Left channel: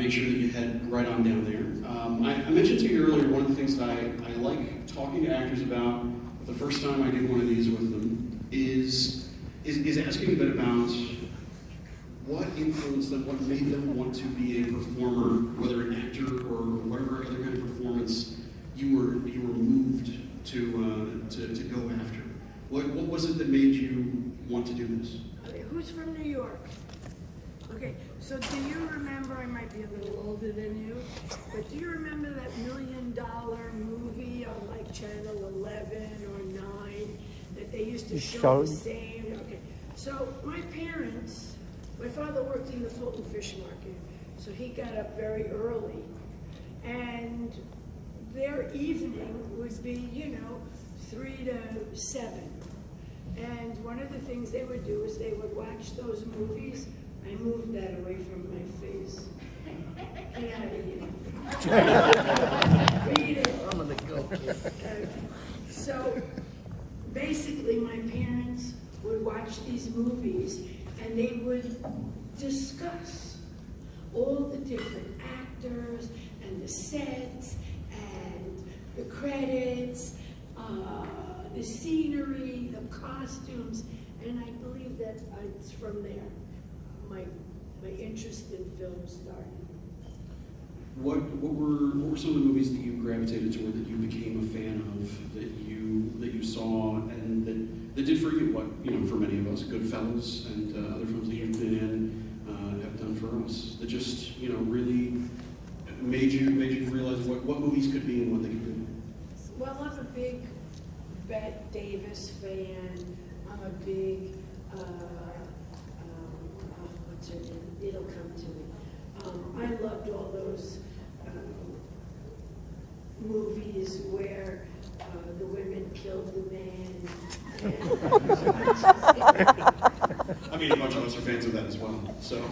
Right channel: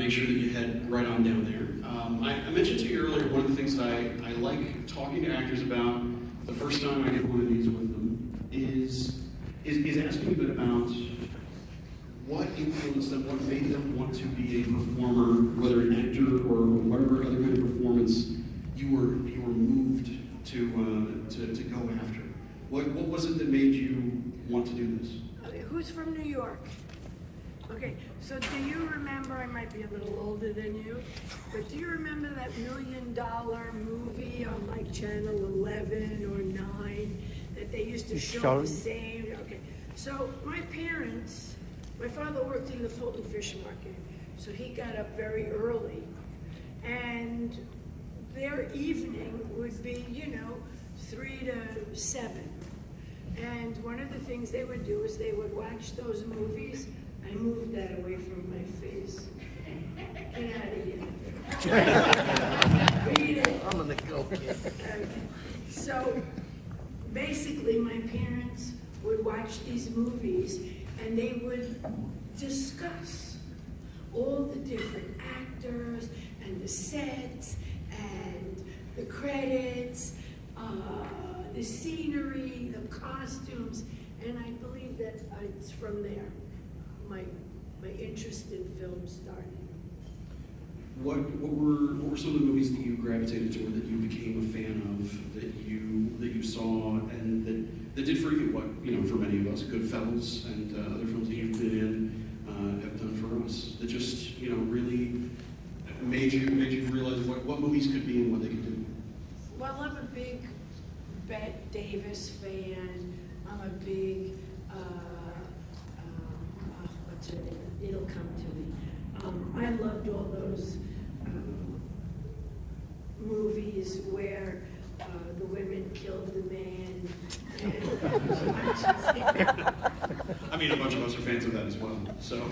make sure that you head right on down there. I mentioned to you earlier, one of the things that I like talking to actors about the first time I did one of these with them is asking a bit about what influenced them, what made them want to be a performer, whether an actor or whatever other kind of performance you were moved to go after. What was it that made you want to do this? Okay, who's from New York? Okay, so do you remember, I might be a little older than you, but do you remember that $1 million movie on like Channel 11 or 9 that they used to show the same? Okay, so my parents, my father worked in the Fulton Fish Market, so he got up very early, and their evening would be, 3 to 7. And one of the things they would do is they would watch those movies. I moved that away from my face. Get out of here. Read it. I'm gonna go. Okay. So basically my parents would watch these movies and they would discuss all the different actors and the sets and the credits, the scenery, the costumes, and I believe that it's from there my interest in film started. What were some of the movies that you gravitated toward, that you became a fan of, that you saw, and that did for you what for many of us, Goodfellas and other films that you've been in have done for us, that just really made you realize what movies could be and what they could do? Well, I'm a big Bette Davis fan. I'm a big it'll come to me. I loved all those movies where the women killed the man. I mean, a bunch of us are fans of that as well, so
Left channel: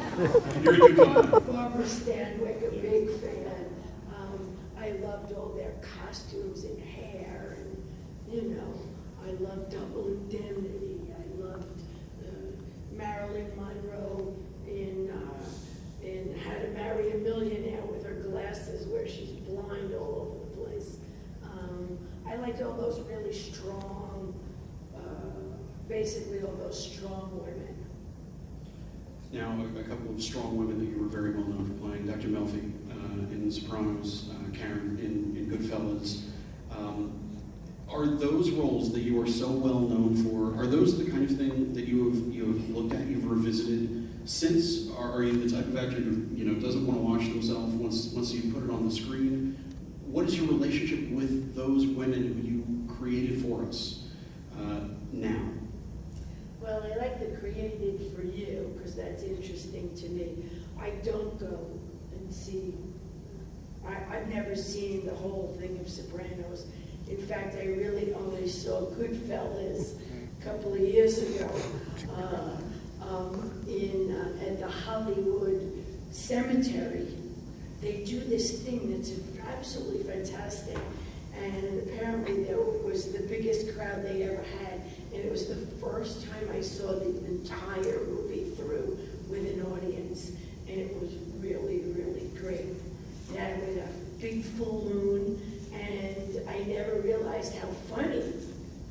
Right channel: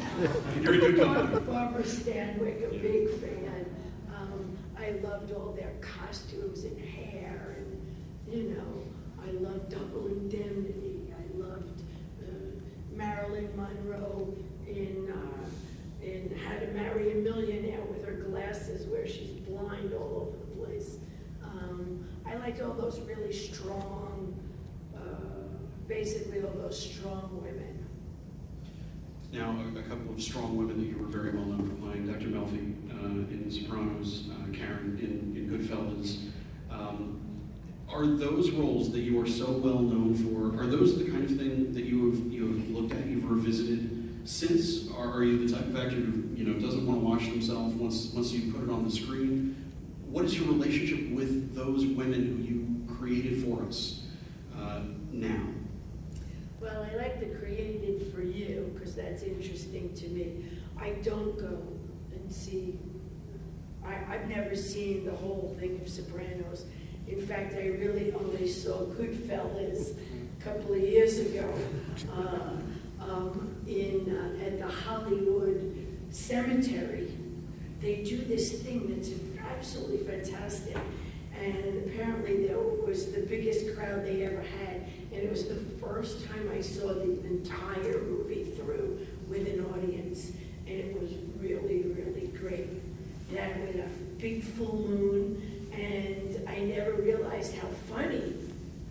you're a good company. Barbara Stanwyck, a big fan. I loved all their costumes and hair, and I loved Double Indemnity. I loved Marilyn Monroe in How to Marry a Millionaire with her glasses, where she's blind all over the place. I liked all those really strong, basically all those strong women. Now, a couple of strong women that you were very well known for playing, Dr. Melfi in The Sopranos, Karen in Goodfellas. Are those roles that you are so well known for, are those the kind of thing that you have looked at, you've revisited since? Are you the type of actor who doesn't want to watch themselves once you put it on the screen? What is your relationship with those women who you created for us now? Well, I like the created for you because that's interesting to me. I don't go and see, I've never seen the whole thing of Sopranos. In fact, I really only saw Goodfellas a couple of years ago at the Hollywood Cemetery. They do this thing that's absolutely fantastic. And apparently there was the biggest crowd they ever had. And it was the first time I saw the entire movie through with an audience. And it was really, really great. That with a big full moon. And I never realized how funny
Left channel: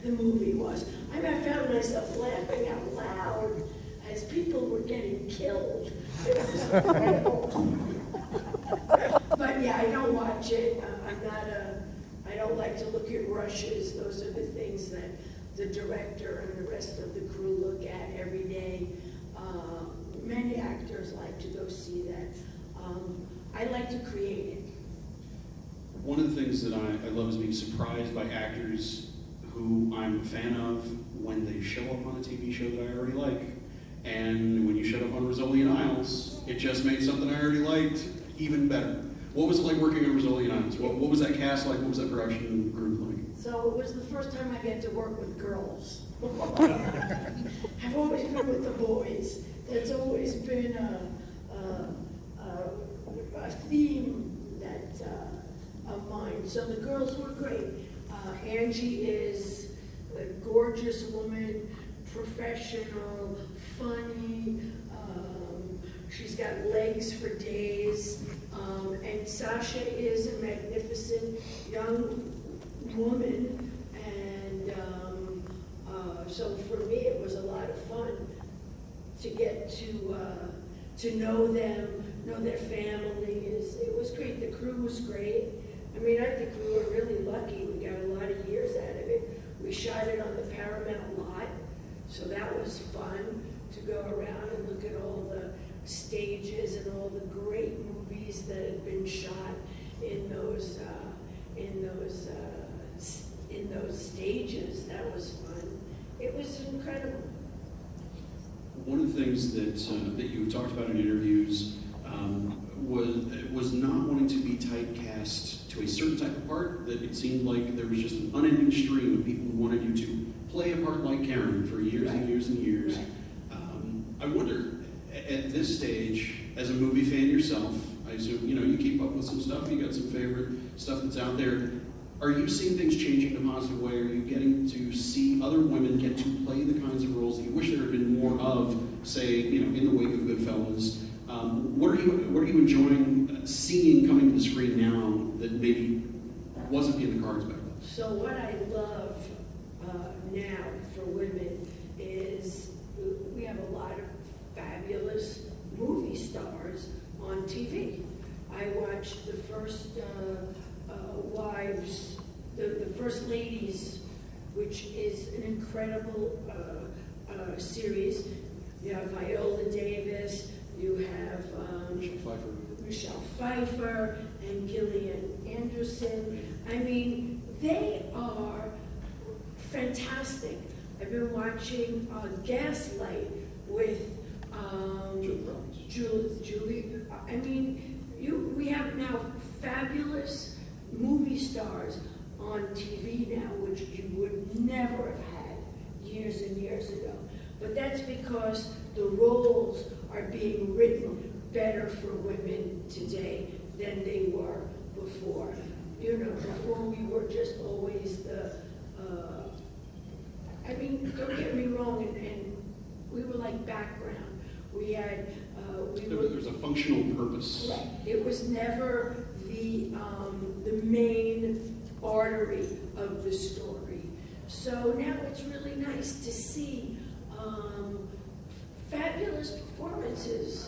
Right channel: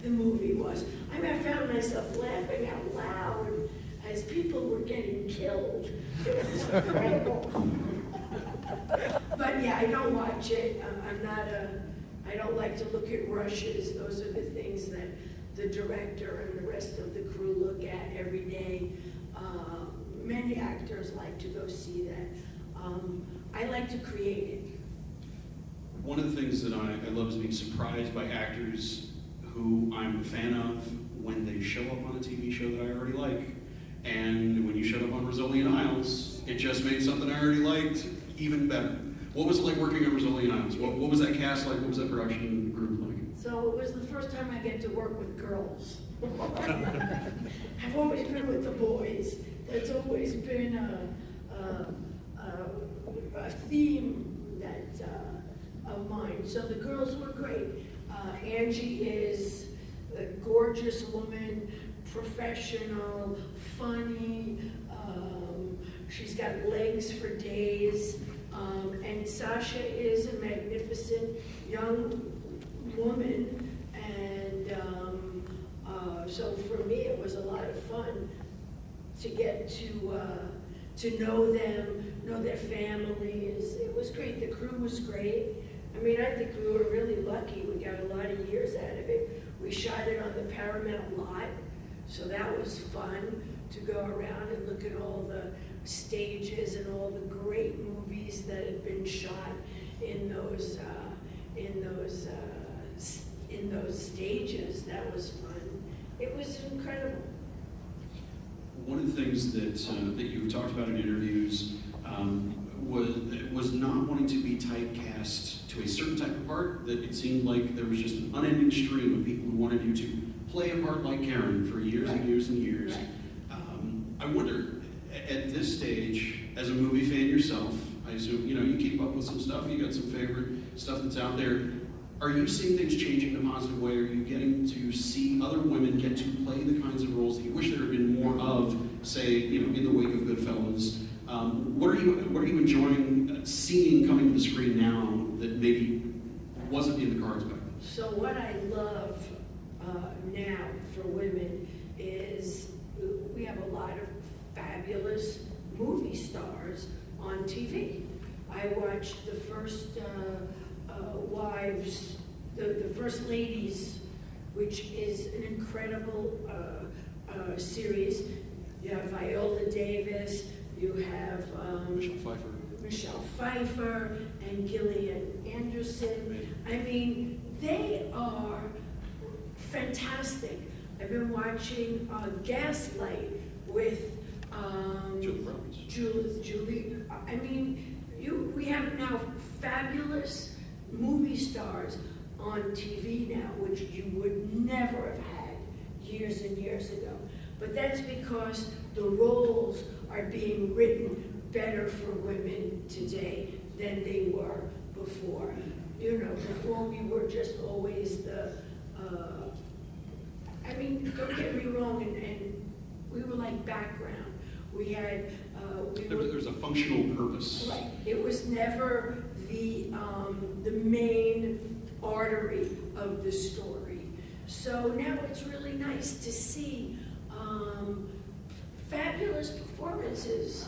the movie was. I found myself laughing out loud as people were getting killed. It was incredible. But yeah, I don't watch it. I don't like to look at rushes. Those are the things that the director and the rest of the crew look at every day. Many actors like to go see that. I like to create it. One of the things that I love is being surprised by actors who I'm a fan of when they show up on a TV show that I already like. And when you showed up on Rizzoli and Isles, it just made something I already liked even better. What was it like working on Rizzoli and Isles? What was that cast like? What was that production group like? So it was the first time I get to work with girls. I've always been with the boys. That's always been a theme that of mine. So the girls were great. Angie is a gorgeous woman, professional, funny. She's got legs for days. And Sasha is a magnificent young woman, and so for me it was a lot of fun to get to know them, know their families. It was great. The crew was great. I mean, I think we were really lucky. We got a lot of years out of it. We shot it on the Paramount lot, so that was fun to go around and look at all the stages and all the great movies that had been shot in those stages. That was fun. It was incredible. One of the things that you've talked about in interviews was not wanting to be typecast to a certain type of part, that it seemed like there was just an unending stream of people who wanted you to play a part like Karen for years and years and years. Right. I wonder, at this stage, as a movie fan yourself, I assume, you keep up with some stuff, you got some favorite stuff that's out there. Are you seeing things changing in a positive way? Are you getting to see other women get to play the kinds of roles that you wish there had been more of, say, in the wake of Goodfellas? What are you enjoying seeing coming to the screen now that maybe wasn't in the cards back then? So what I love now for women is we have a lot of fabulous movie stars on TV. I watched the first Wives, the First Ladies, which is an incredible series. You have Viola Davis, you have Michelle Pfeiffer, and Gillian Anderson. I mean, they are fantastic. I've been watching Gaslight with Julie. I mean, we have now fabulous movie stars on TV now, which you would never have had years and years ago. But that's because the roles are being written better for women today than they were before. Before we were just always don't get me wrong, and we were like background. We had, There's a functional purpose. Right. It was never the main artery of the story. So now it's really nice to see fabulous performances.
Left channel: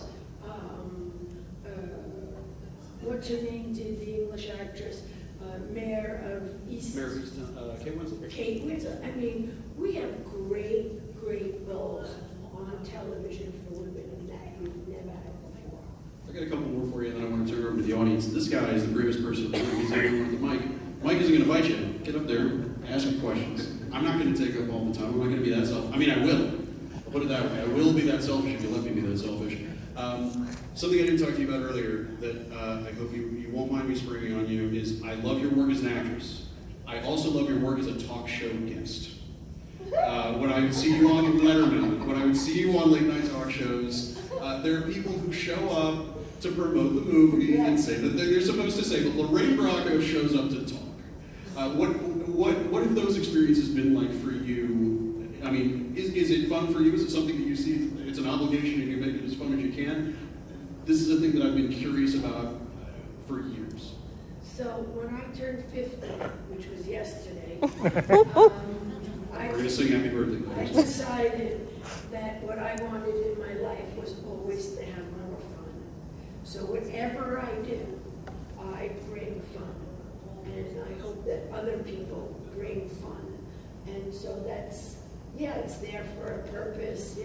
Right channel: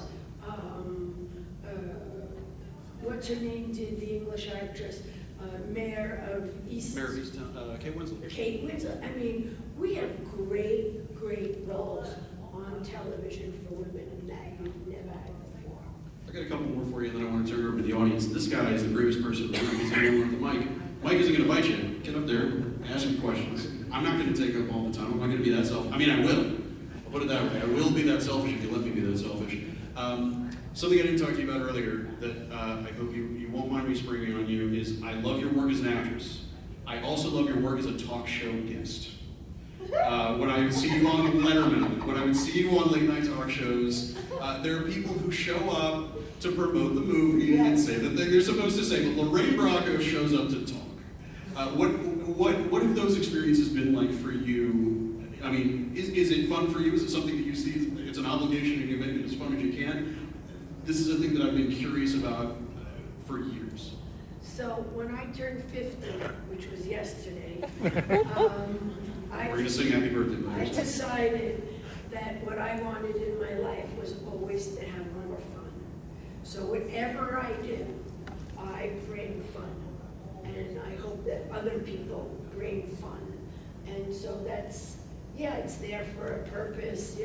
What's her name did the English actress, Mayor of Easttown, Kate Winslet. Kate Winslet. I mean, we have great roles on television for women, and that you've never had before. I got a couple more for you, and then I want to turn it over to the audience. This guy is the bravest person in the room. He's here with the mic. Mike isn't going to bite you. Get up there, ask him questions. I'm not going to take up all the time. I'm not going to be that selfish. I mean, I will. I'll put it that way. I will be that selfish if you let me be that selfish. Something I didn't talk to you about earlier that I hope you won't mind me springing on you is I love your work as an actress. I also love your work as a talk show guest. When I would see you on Letterman, when I would see you on late night talk shows, there are people who show up to promote the movie and say that they're supposed to say, but Lorraine Bracco shows up to talk. What have those experiences been like for you? I mean, is it fun for you? Is it something that you see it's an obligation and you make it as fun as you can? This is a thing that I've been curious about for years. So when I turned 50, which was yesterday, We're going to sing happy birthday. I decided that what I wanted in my life was always to have more fun. So whatever I do, I bring fun. And I hope that other people bring fun. And so that's, it's there for a purpose,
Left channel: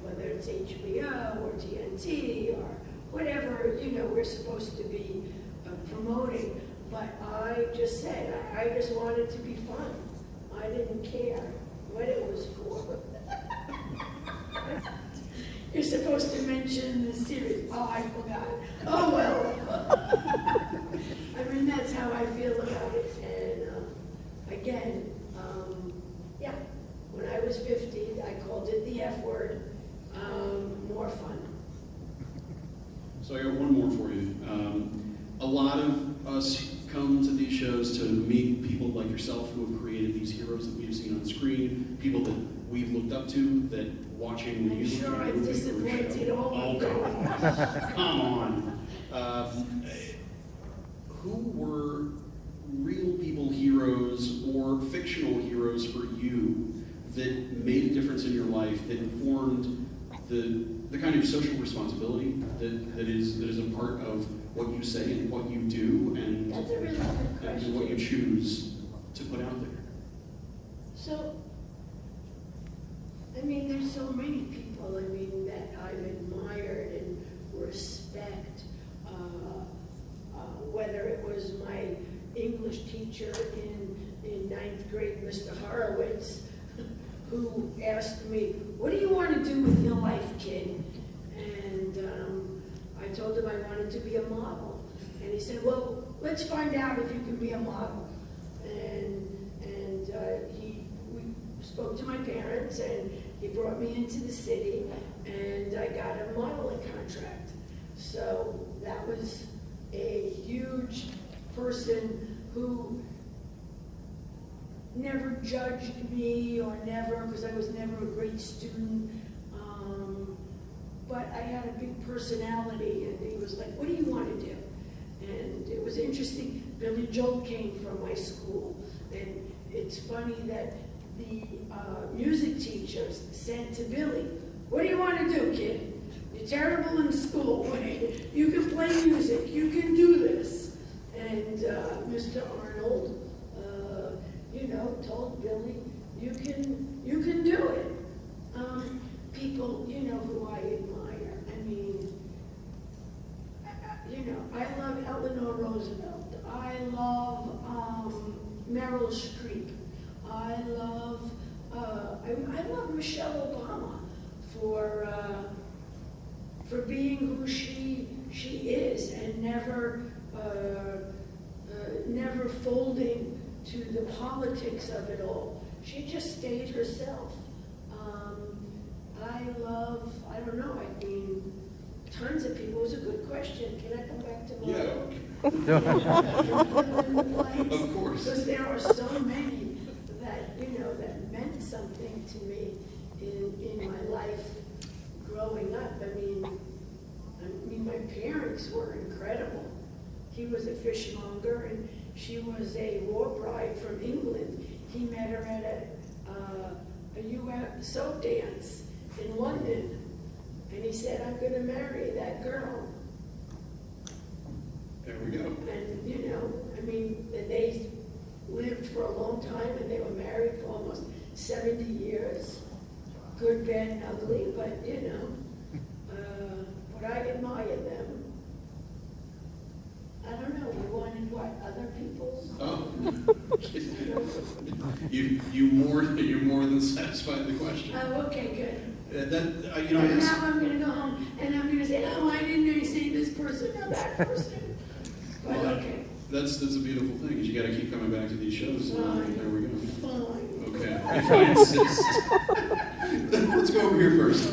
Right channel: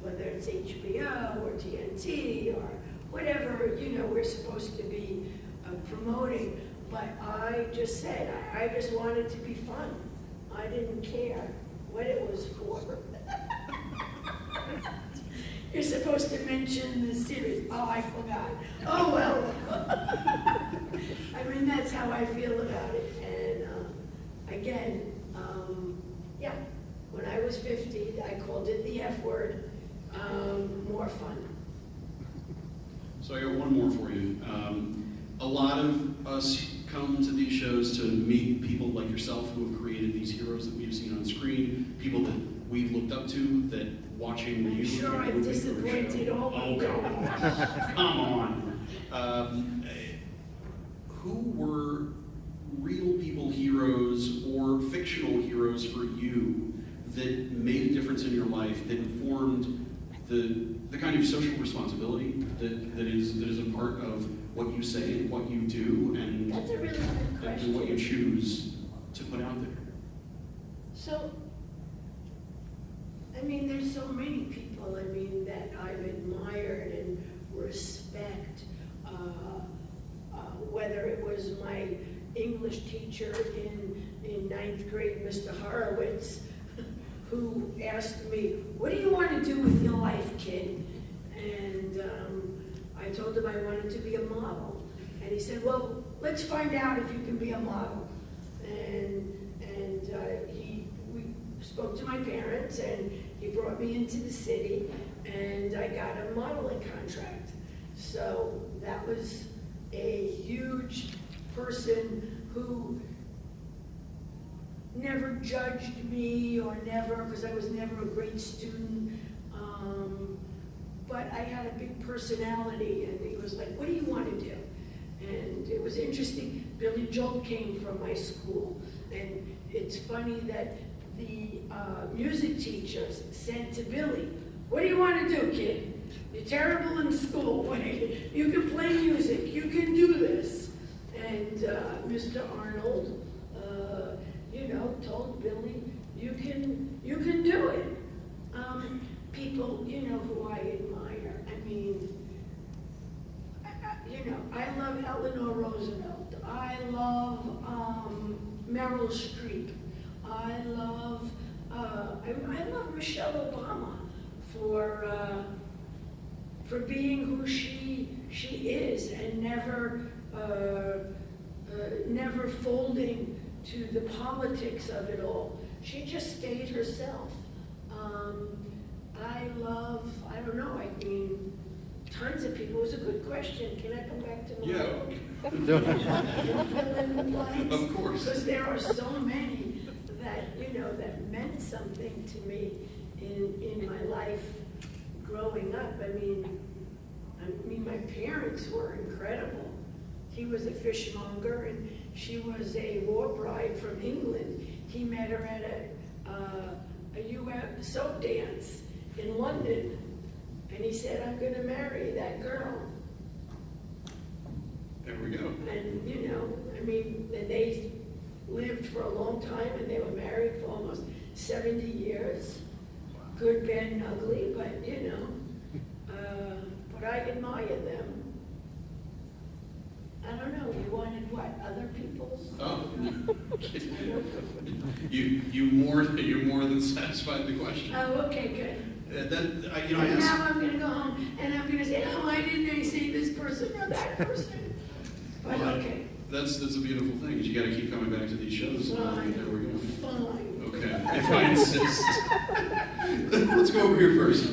whether it's HBO or TNT or whatever, we're supposed to be promoting. But I just said, I just wanted to be fun. I didn't care what it was for. You're supposed to mention the series. Oh, I forgot. Oh, well. I mean, that's how I feel about it. And again, when I was 50, I called it the F word, more fun. So I got one more for you. A lot of us come to these shows to meet people like yourself who have created these heroes that we've seen on screen, people that we've looked up to that watching I'm you? sure and I've moving through a disappointed show? all Oh, of them. come on. Who were real people heroes or fictional heroes for you that made a difference in your life, that informed the kind of social responsibility that is a part of what you say and what you do and, That's a really good question. and what you choose to put out there? So, I mean, there's so many people, I mean, that I've admired and respect, whether it was my English teacher in ninth grade, Mr. Horowitz, who asked me, what do you want to do with your life, kid? And I told him I wanted to be a model. And he said, well, let's find out if you can be a model. And we spoke to my parents, and he brought me into the city, and I got a modeling contract. So that was a huge person who never judged me or never, because I was never a great student. But I had a big personality, and he was like, what do you want to do? And it was interesting, Billy Joel came from my school. And it's funny that the music teachers said to Billy, what do you want to do, kid? You're terrible in school. You can play music. You can do this. And Mr. Arnold, told Billy, you can do it. People, who I admire. I mean, I love Eleanor Roosevelt. I love Meryl Streep. I love Michelle Obama for being who she is and never folding to the politics of it all. She just stayed herself. I don't know, I mean, tons of people. It was a good question. Can I come back to my book? And fill in the blanks? Of course. Because there are so many that meant something to me in my life growing up. I mean, my parents were incredible. He was a fishmonger, and she was a war bride from England. He met her at a USO dance in London, and he said, I'm going to marry that girl. There we go. And, they lived for a long time, and they were married for almost 70 years. Good, bad, and ugly, but, but I admire them. I don't know, you wanted what, other people's? Oh. You're more than satisfied the question. Oh, okay, good. I And asked. now I'm gonna go home, and I'm gonna say, oh, I didn't see this person or that person. But Well, okay, That's a beautiful thing, is you gotta keep coming back to these shows. Fine. There we go. fine. Okay, if I insist. Let's go over here first.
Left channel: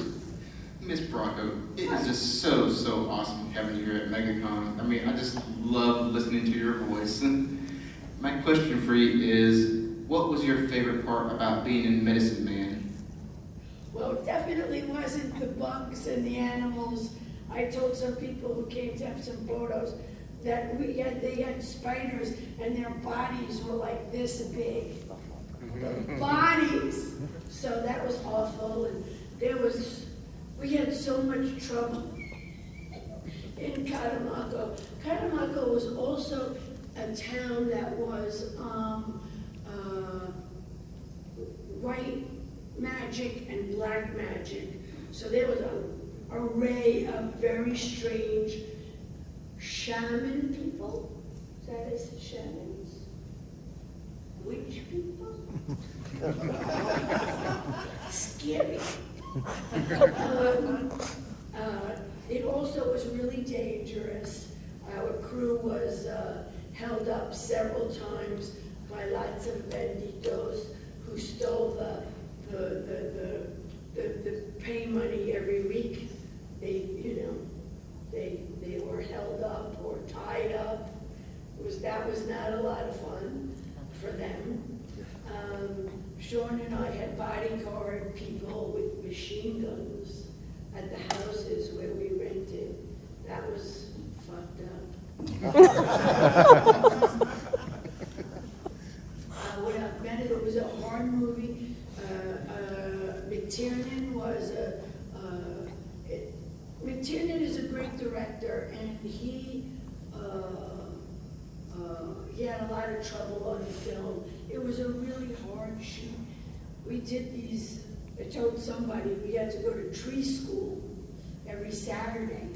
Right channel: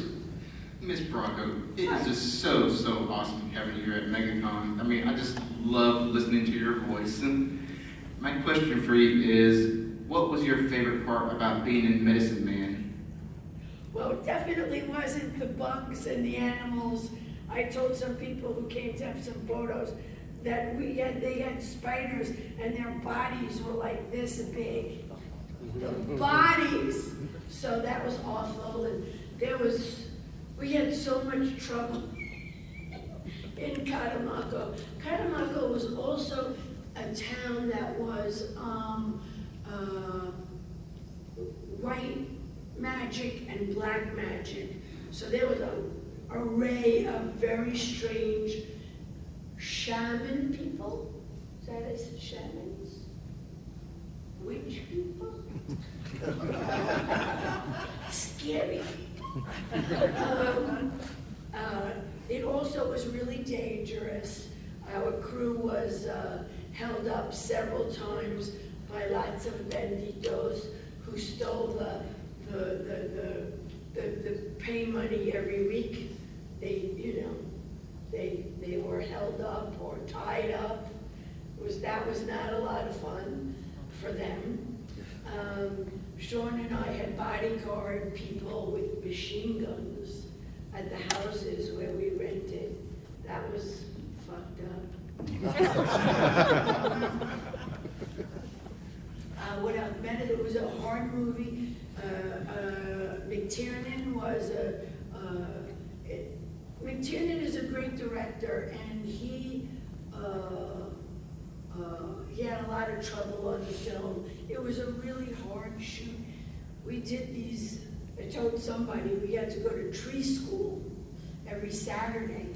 Miss Bracco, it is just so awesome having you here at MegaCon. I mean, I just love listening to your voice. And my question for you is, what was your favorite part about being in Medicine Man? Well, it definitely wasn't the bugs and the animals. I told some people who came to have some photos that they had spiders and their bodies were like this big. The bodies! So that was awful, and we had so much trouble in Catemaco. Catemaco was also a town that was white magic and black magic. So there was an array of very strange shaman people. Is that it? Shamans? Witch people? Scary. It also was really dangerous. Our crew was held up several times by lots of banditos who stole the pay money every week. They were held up or tied up. That was not a lot of fun for them. Sean and I had bodyguard people with machine guns at the houses where we rented. That was fucked up. What else? It was a hard movie. McTiernan was McTiernan is a great director, and he had a lot of trouble on the film. It was a really hard shoot. We did these, I told somebody we had to go to tree school every Saturday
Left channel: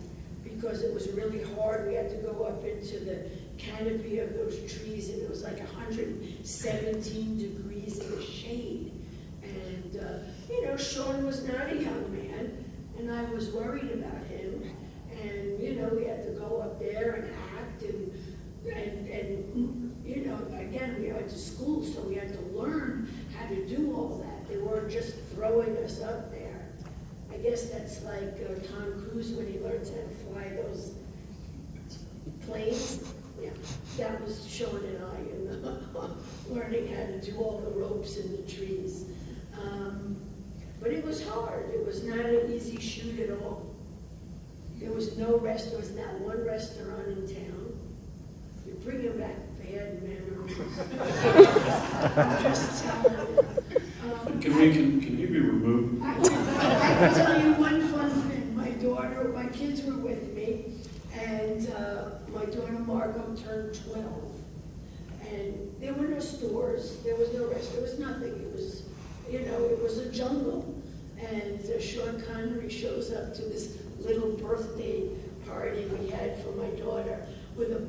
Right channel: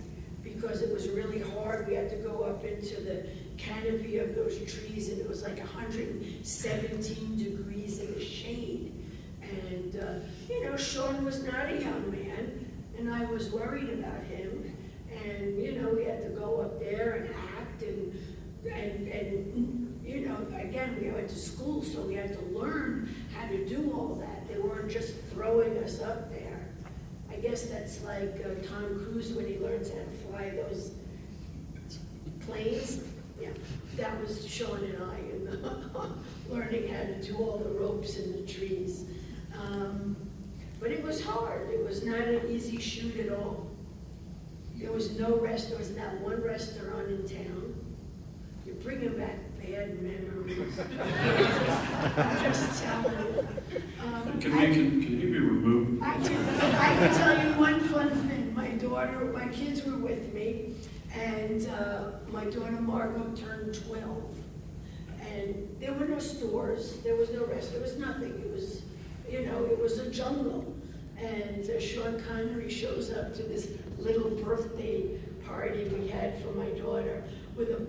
because it was really hard. We had to go up into the canopy of those trees, and it was like 117 degrees in the shade. And, you know, Sean was not a young man, and I was worried about him. And, you know, we had to go up there and act, and you know, again, we went to school, so we had to learn how to do all that. They weren't just throwing us up there. I guess that's like Tom Cruise when he learns how to fly those planes. Yeah, that was Sean and I, and learning how to do all the ropes in the trees. But it was hard. It was not an easy shoot at all. There was no rest. There was not one restaurant in town. You're bringing back bad memories. I'm just telling you. Can he be removed? I can tell you one fun thing. My kids were with me, and my daughter Margot turned 12. And there were no stores, there was no rest, there was nothing. It was, you know, it was a jungle. And Sean Connery shows up to this little birthday party we had for my daughter with a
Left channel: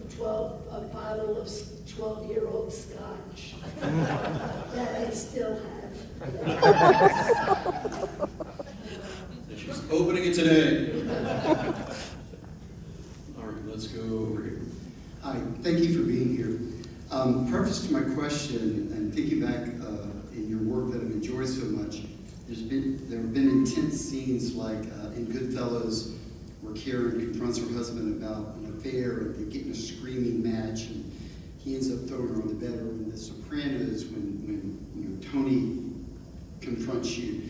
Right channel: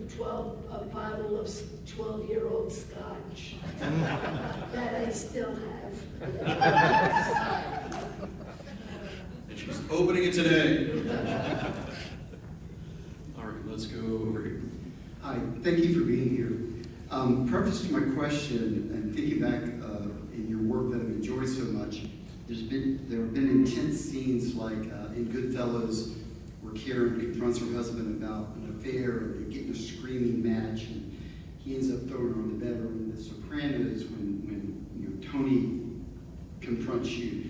bottle of 12-year-old scotch that I still have. And she's opening it today. All right, let's go over here. Hi, thank you for being here. Preface to my question, and thinking back in your work that I've enjoyed so much, there have been intense scenes like in Goodfellas, where Karen confronts her husband about an affair, and they get in a screaming match, and he ends up throwing her on the bed. Or in The Sopranos, when you know, Tony confronts you.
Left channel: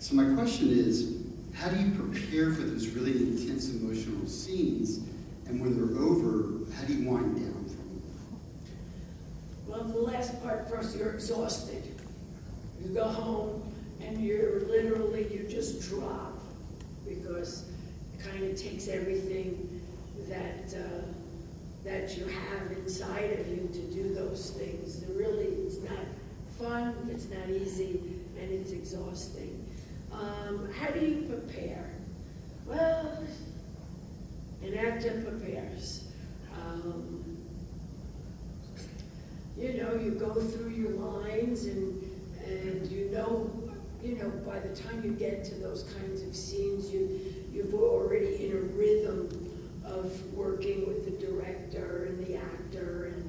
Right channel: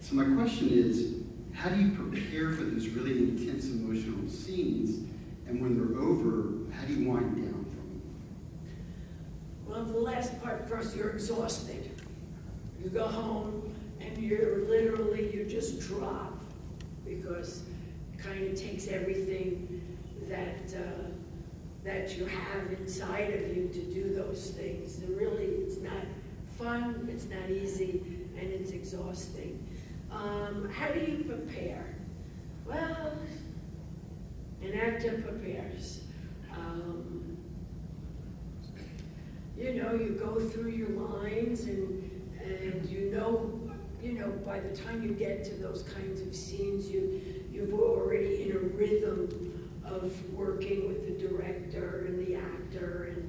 So my question is, how do you prepare for those really intense emotional scenes? And when they're over, how do you wind down from them? Well, the last part first, you're exhausted. You go home and you just drop, because it kind of takes everything that you have inside of you to do those things. And really, it's not fun, it's not easy, and it's exhausting. How do you prepare? Well, an actor prepares. You know, you go through your lines, and you know, by the time you get to those kinds of scenes, you've already in a rhythm of working with the director and the actor, and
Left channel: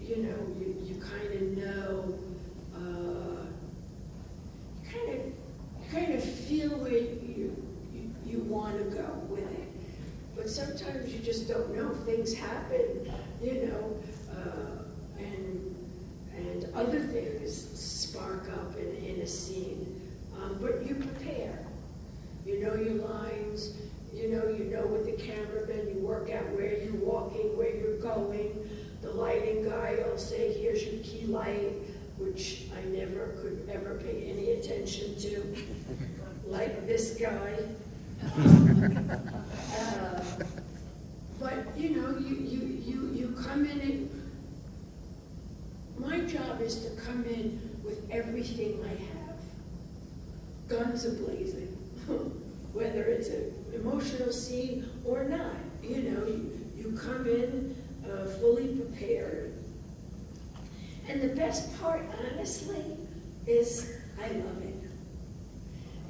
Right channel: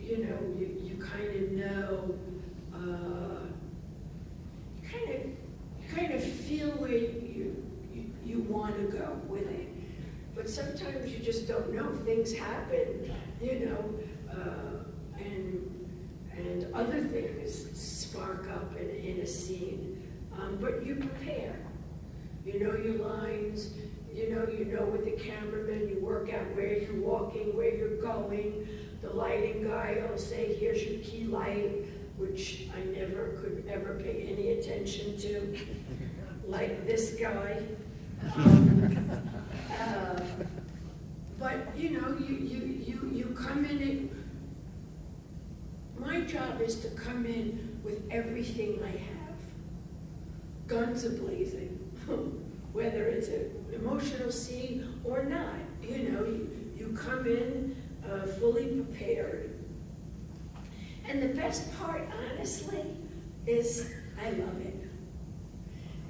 you know, you kind of know, you kind of feel where you want to go with it. But sometimes you just don't know. Things happen, you know, and other things spark up in a scene. But you prepare. You know your lines. You know with the cameraman. You work out where you're walking, where you're going. The lighting guy will say, "Here's your key light," which I never could ever pay any attention to, like this guy. But you know, you come in and my job is to come in with everything I have, guns a-blazing, whether it's an emotional scene or not. You know, you come in fully prepared. And the best part, honestly, is I love it.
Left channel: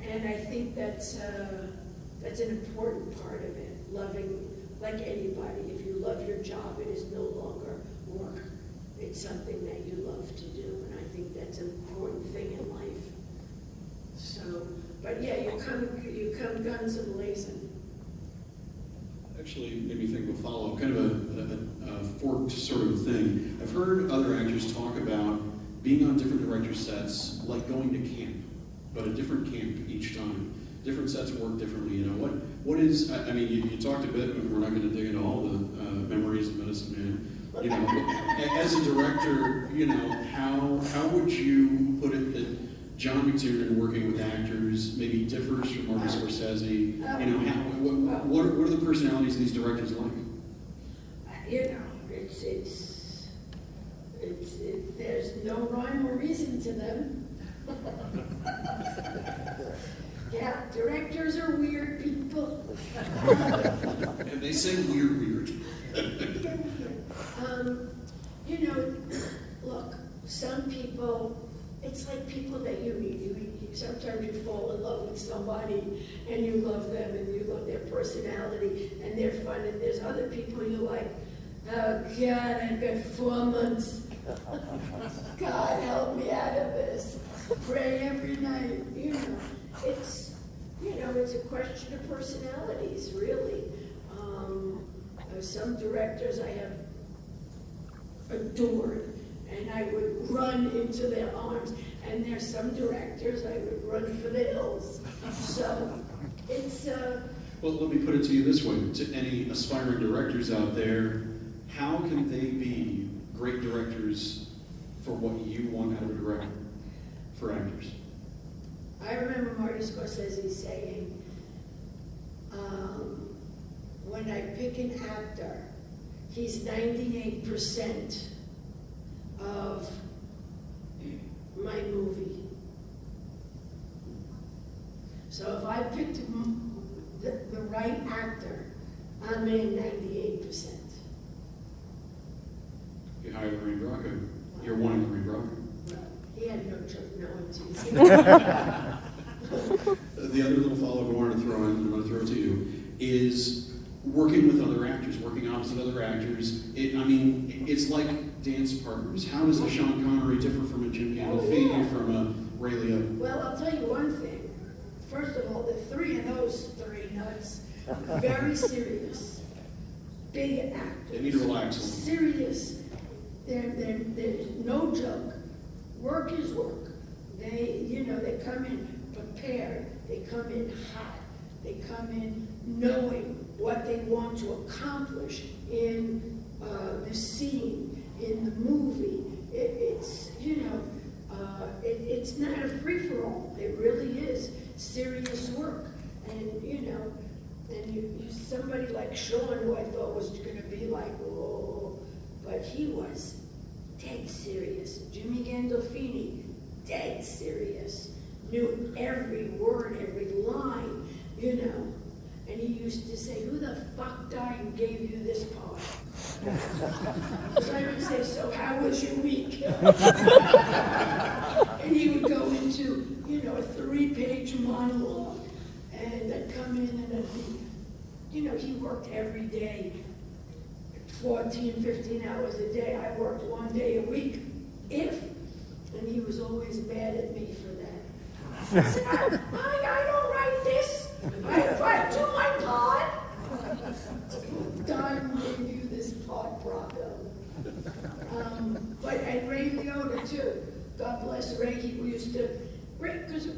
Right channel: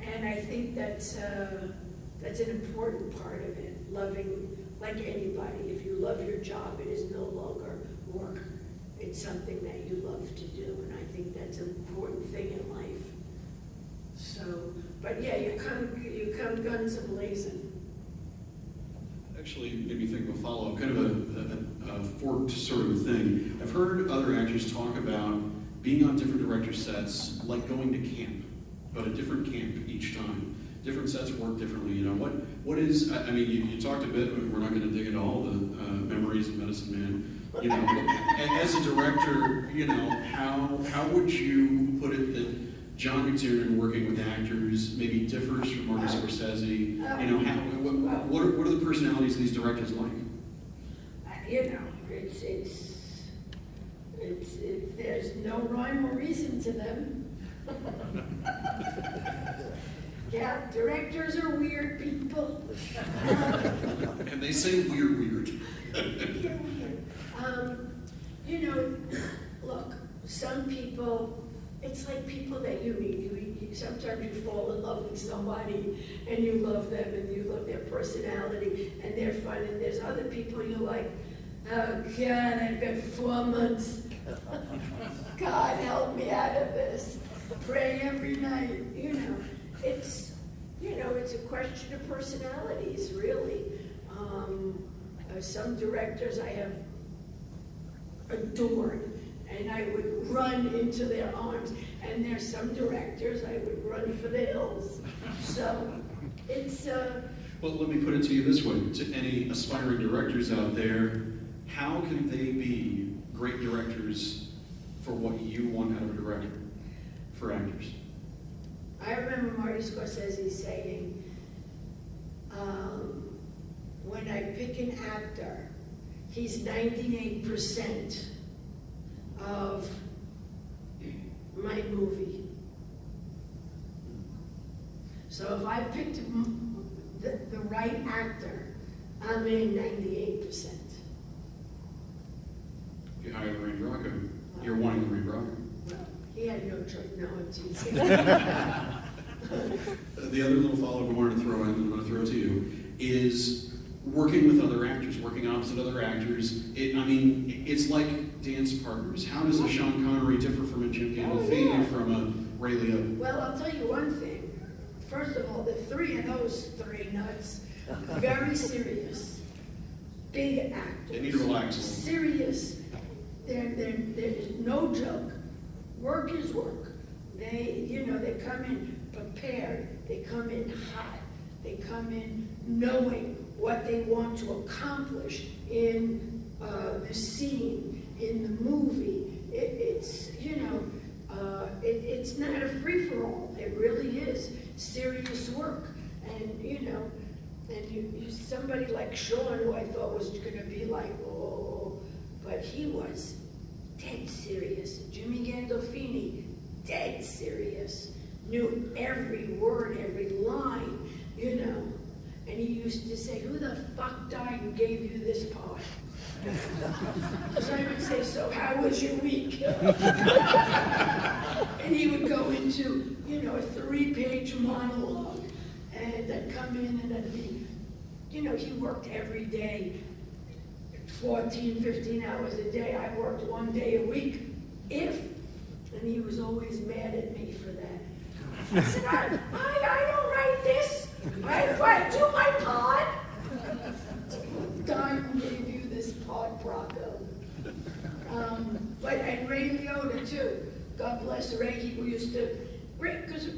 And I think that's an important part of it, loving, like anybody. If you love your job, it is no longer work. It's something that you love to do, and I think that's an important thing in life. So, but yeah, you come guns a-blazing. Actually, made me think of a follow-up, kind of a forked sort of thing. I've heard other actors talk about being on different director sets, like going to camp, but a different camp each time. Different sets work differently, you know. What is, I mean, you talked a bit, we're not gonna dig into all the memories of Medicine Man. You know, as a director, you know, how would you put it that John McTiernan working with actors maybe differs from Martin Scorsese? You know, what are the personalities of these directors like? You know, there's no rhyme or reason to them. Yeah, directors are weird people. And they say weird. They're weird. You know, look, some people, it's like people that you meet. Sometimes you fall in love with somebody and you love them and you love their personality and they're fun. And there's other people you're like, oh God, I've got 4 months. God, help me out of this. Pray every night. You know, it's a question of personalities, really. Some directors I have adored, and I would run into their arms. And there's some directors I would run for the hills. So it's Well, let me put it to you this way: to any aspiring directors out there, how can they be great directors for what you want out of a director for actors? I remember Martin Scorsese saying, when I pick an actor, he's 98% of my movie. So if I picked the right actor, I'm in 98%. If you hire Lorraine Bracco, you're wanting Lorraine Bracco. Well, he had no choice, no one teasing. The other little follow-up I wanted to throw in, and I'm going to throw to you, is working with other actors, working opposite other actors. It's like dance partners. How does a Sean Connery differ from a Jim Gandolfini, from a Ray Liotta? Well, I'll tell you one thing. First of all, the three of those three nuts, very serious, big actors. They need to relax. Serious. They're no joke. Work is work. They come in prepared. They come in hot. They come in knowing what they want to accomplish in the scene, in the movie. It's not a free-for-all. It really is serious work. And you somebody like Sean, who I thought was going to be like, oh, but he was dead serious. Jimmy Gandolfini, dead serious. Knew every word, every line, And he used to say, who the fuck died and gave you this part? So I would say, so how was your week? And he would go into, a 3-page monologue. And I'd come in and I'd be, he worked every day, 14, 15 hours a day. I worked 1 day a week, and he was always mad at me for that. I said, I don't write this. I do my part. God gave you this part, Bracco. And Ray Liotta too. God bless Ray. He used to, because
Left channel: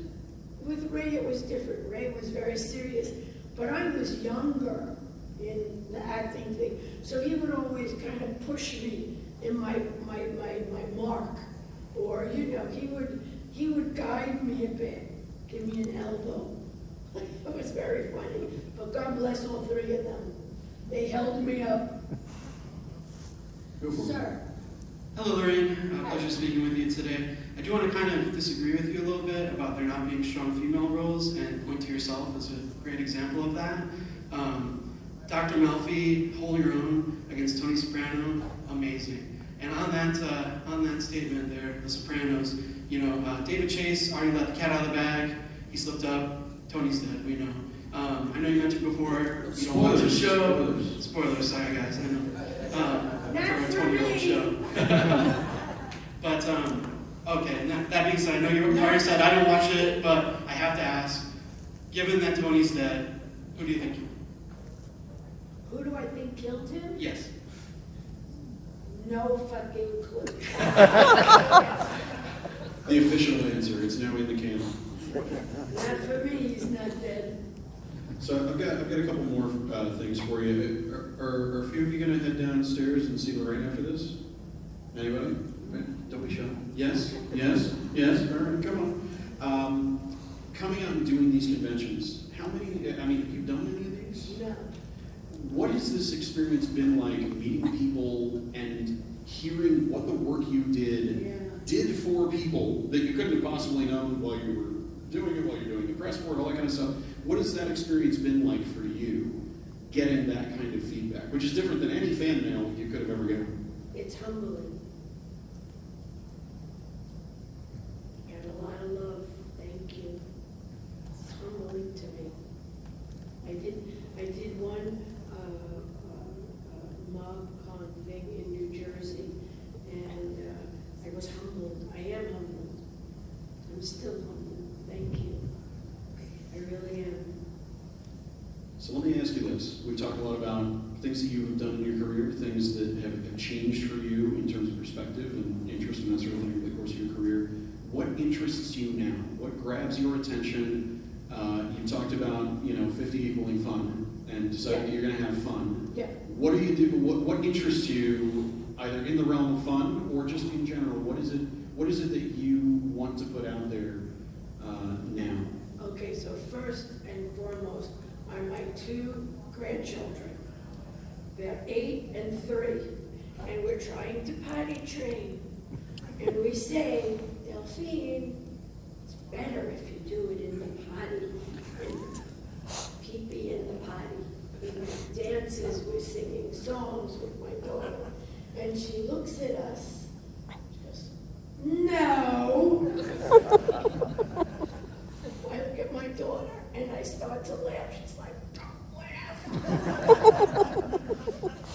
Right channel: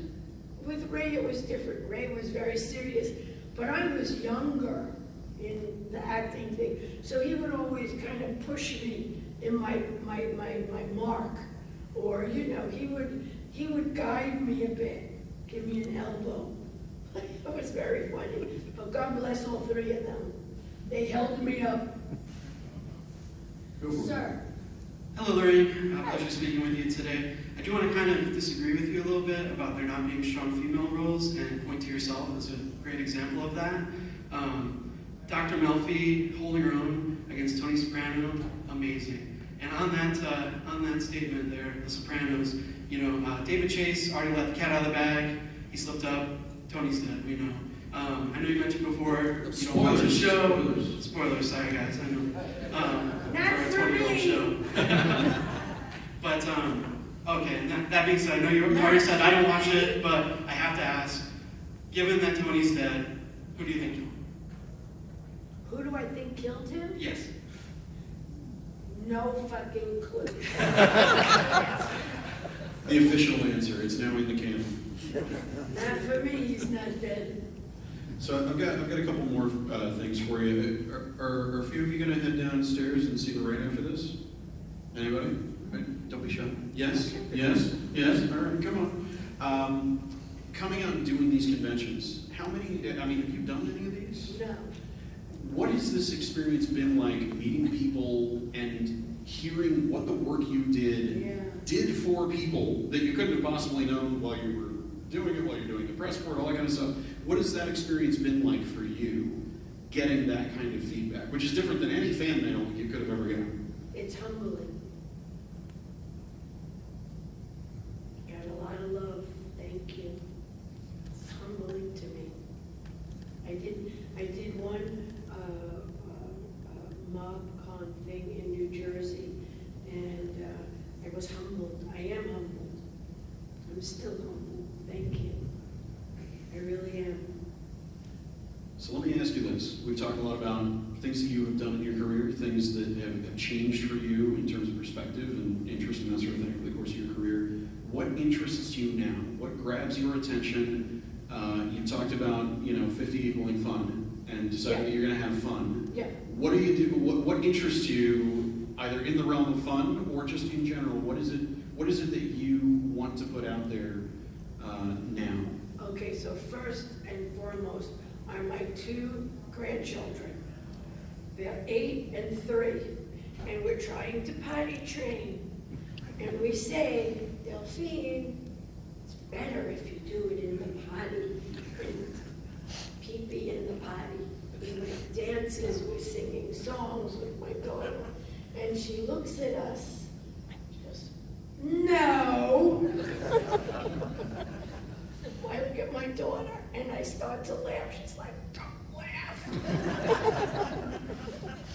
with Ray it was different. Ray was very serious, but I was younger in the acting thing, so he would always kind of push me in my mark, or he would guide me a bit, give me an elbow. It was very funny. But God bless all three of them. They held me up. Go for it. Sir. Hello, Lorraine. Pleasure speaking with you today. I do want to kind of disagree with you a little bit about there not being strong female roles and point to yourself as a great example of that. Dr. Melfi, holding her own against Tony Soprano, amazing. And on that statement there, The Sopranos, David Chase already let the cat out of the bag. He slipped up. Tony's dead, we know. I know you mentioned before you don't watch the show. Spoilers, sorry guys, I know. Not a for 20-year-old me. show. But, okay, and that being said, I know you already said I don't watch it, but I have to ask, given that Tony's dead, who do you think killed him? Who do I think killed him? Yes. No fucking clue. The official answer, it's now in the canon. Not for me, he's not dead. So I've got a couple more things for you. Are a few of you going to head downstairs and see Lorraine after this? Anybody? Right. Don't be shy. Yes? Yes? Yes? All right, come on. Coming out and doing these conventions, how many, I mean, have you done any of these? No. What has this experience been like, meeting people and hearing what the work you did for people that you couldn't have possibly known while you were doing it, while you're doing the press for it, all that kind of stuff? What has that experience been like for you, getting that kind of feedback, which is different than any fan mail you could have ever gotten? It's humbling. Got a lot of love, thank you. It's humbling to me. I did one MoGCon thing in New Jersey, and I was humbled. I am humbled. I'm still humbled. Thank you. I really am. So let me ask you this. We've talked a lot about things that you have done in your career, things that have changed for you in terms of perspective and interest and that sort of thing over the course of your career. What interests you now? What grabs your attention? You talked about, 50 equaling fun and deciding that you're going to have fun. Yeah. What do you do? What interests you either in the realm of fun or just in general? What is it that you want to put out there now? Okay, so first and foremost are my two grandchildren. They're 8 and 3, and we're trying to potty train. And we say, Delphine, it's better if you do it in the potty, and pee-pee in the potty. We make dances, we're singing songs with my daughter. And she looks at us, she goes, no! I look at my daughter and I start to laugh. She's like, don't laugh.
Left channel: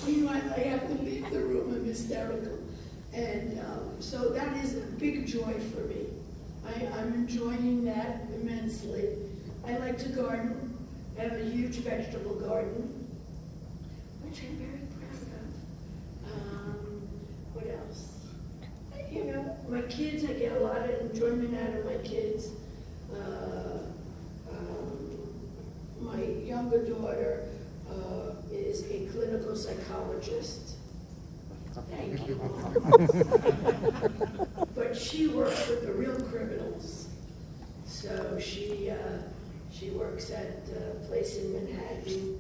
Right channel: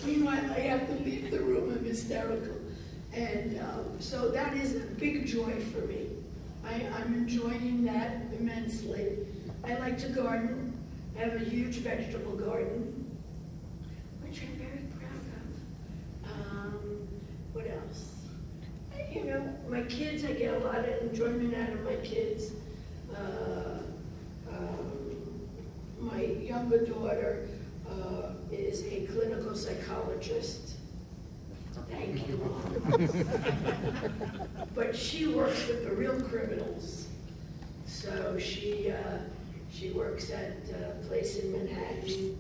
Meanwhile, I have to leave the room. I'm hysterical. And so that is a big joy for me. I'm enjoying that immensely. I like to garden. I have a huge vegetable garden, which I'm very proud of. What else? My kids, I get a lot of enjoyment out of my kids. My younger daughter is a clinical psychologist. Thank you, Mom. But she works with the real criminals. So she works at a place in Manhattan,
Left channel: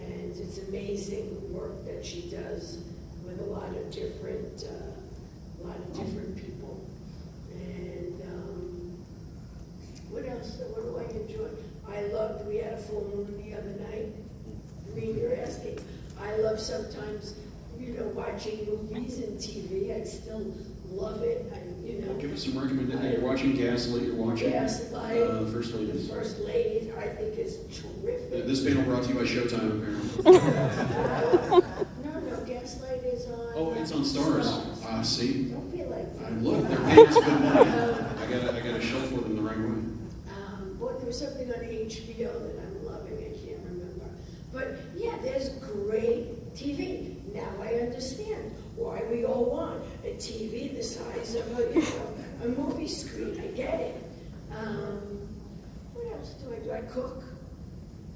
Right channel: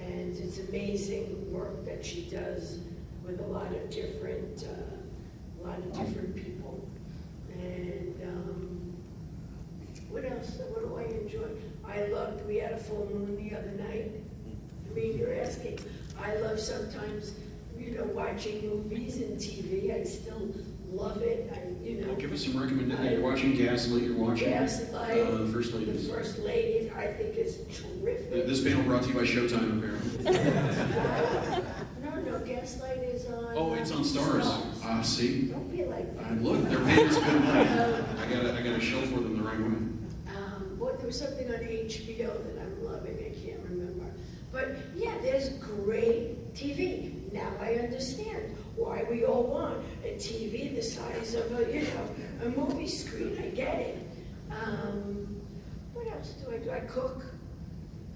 and it's amazing work that she does with a lot of different people. And what else? What do I enjoy? We had a full moon the other night. I mean, you're asking. I love sometimes, watching movies and TV. I still love it. Well, give us some recommendations. You're watching Gaslight. You're watching Gaslight. The First Lady. The First Lady, I think, is terrific. This panel brought to you by Showtime, apparently. No, Gaslight is on. Oh, it's on Stars. See? Don't be like that. Look, they're paying us good money. I got a show for them the right way. There was something on HBO that I'm loving. I can't remember. But yeah, there's great TV. Now I understand why we all want a TV the size of a movie screen. I get it. What else do I do? I cook.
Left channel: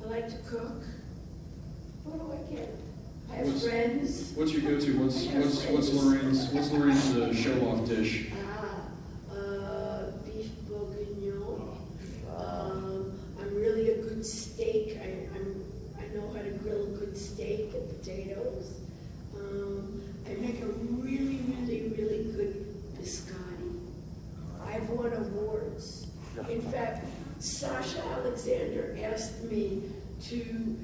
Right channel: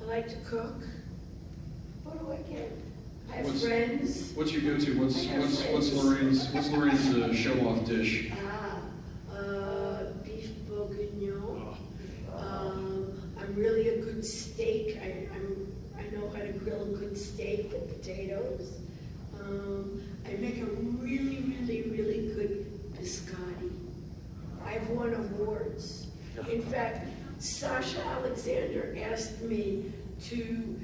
I like to cook. What do I get? I have friends. What's your go-to? What's Lorraine's show-off dish? Beef bourguignon. I'm really a good steak. I know how to grill a good steak with potatoes. I make a really, really, really good biscotti. I've won awards. In fact, Sasha Alexander asked me to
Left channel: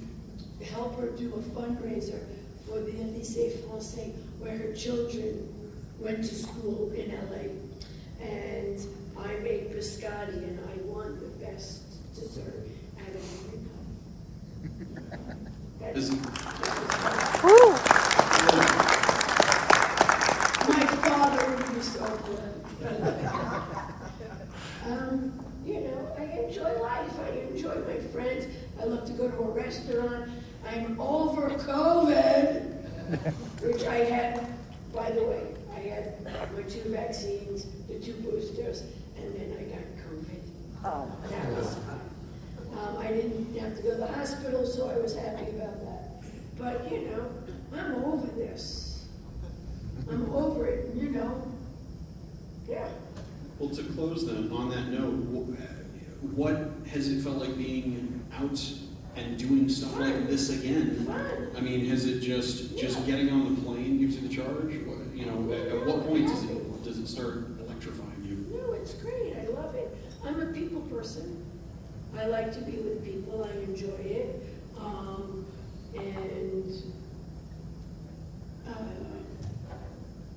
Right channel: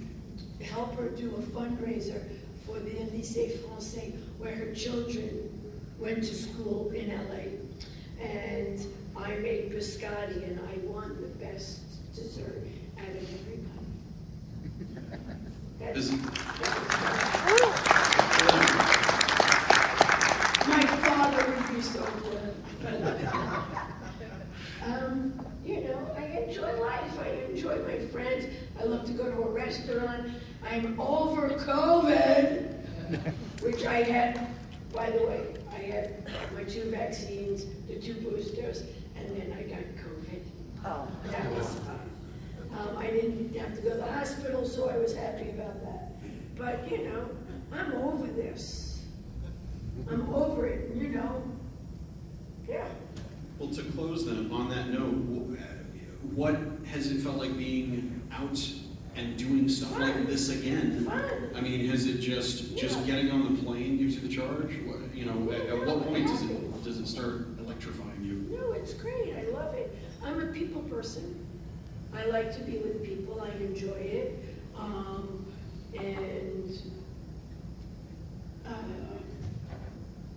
help her do a fundraiser for the Lycée Français, where her children went to school in LA. And I made biscotti, and I won the best dessert out of everybody. My father would be so good. I enjoy life. I enjoy my friends. I love to go to a restaurant. I'm over COVID, which I had, by the way, my 2 vaccines, the 2 boosters, and then I got COVID. Oh. That was fun. I didn't have to go to the hospital, so I was happy about that. But, you know, I'm over this. I'm over it, you know? Yeah. Well, to close then, on that note, what has it felt like being out and doing stuff Fun. like this again? Fun. I mean, has it just getting on the plane gives you the charge? What, you know, at what point does it start electrifying you? No, it's great. I love it. I'm a people person. I like to be with people. I enjoy it.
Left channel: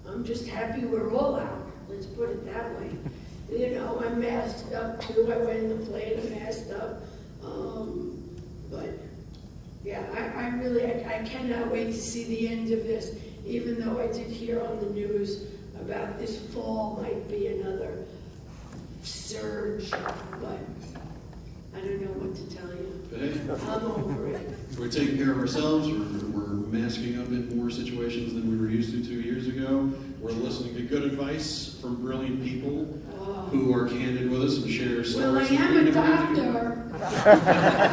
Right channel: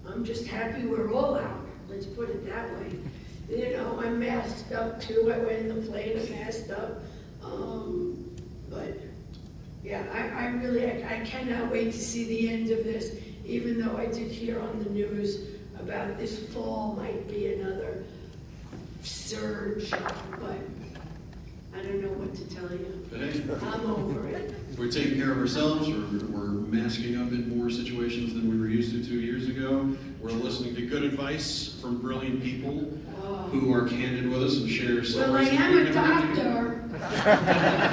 I'm just happy we're all out. Let's put it that way. You know, I'm masked up too. I went in the plane, I'm masked up. But yeah, I really cannot wait to see the end of this, even though I did hear on the news about this fall might be another surge, but I don't know what to tell you. But hey, I'm over it. we're taking care of ourselves, we're masking up in more situations than we were used to 2 years ago. We're listening to good advice from brilliant people who are candid with us and share Well, I stories. that am we a never get to. doctor.